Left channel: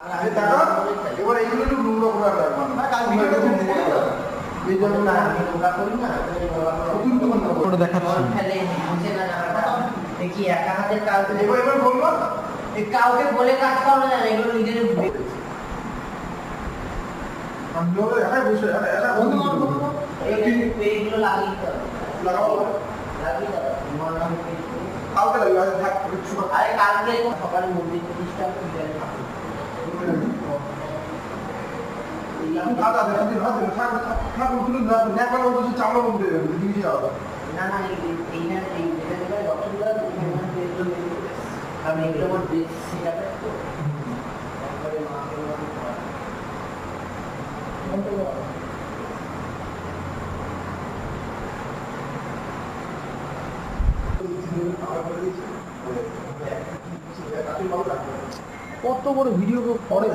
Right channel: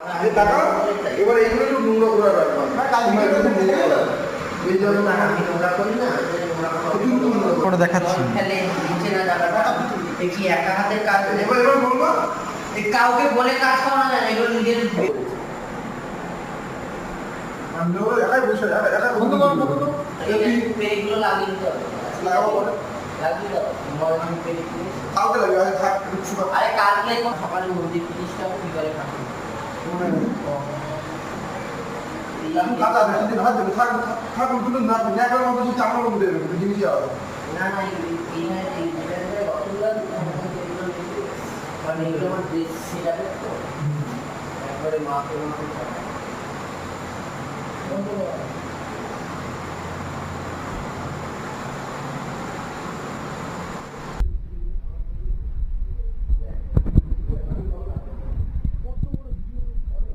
যে টাকা এবার এইগুলো একটু নোংরা করে রাখবা না কালকে এই জন্য না আমি নোংরা করি না করে দেখাচ্ছি ফেলে বুঝে না ব্যাপারটা দেখি একা হাতে কাজ এবার বলবো কাউকে বলে কাজ করানো যায় না এগুলো নিজের আমি একাই বসে একা বন্ধু এগুলো লাগিয়ে দিতে হবে লাগাবো বলে লাগিয়ে দাও মরণ পেয়ে কালকে লাগবে আজ থাক কিছু না আরে কালকে সকালে মন্দির প্রতিষ্ঠা বিকালে ঠাকুর দাদা দিন হাত দিন থাক থাক কিন্তু না না করে বলছি চামড়া বন্ধ হয়ে যাবে জিনিস যাবে না না এই না এই যেটা রতনদার কারণ এগুলো আমার দেশ সেটাকে তো তারপরে মাকে কত বড় ভিডিও করে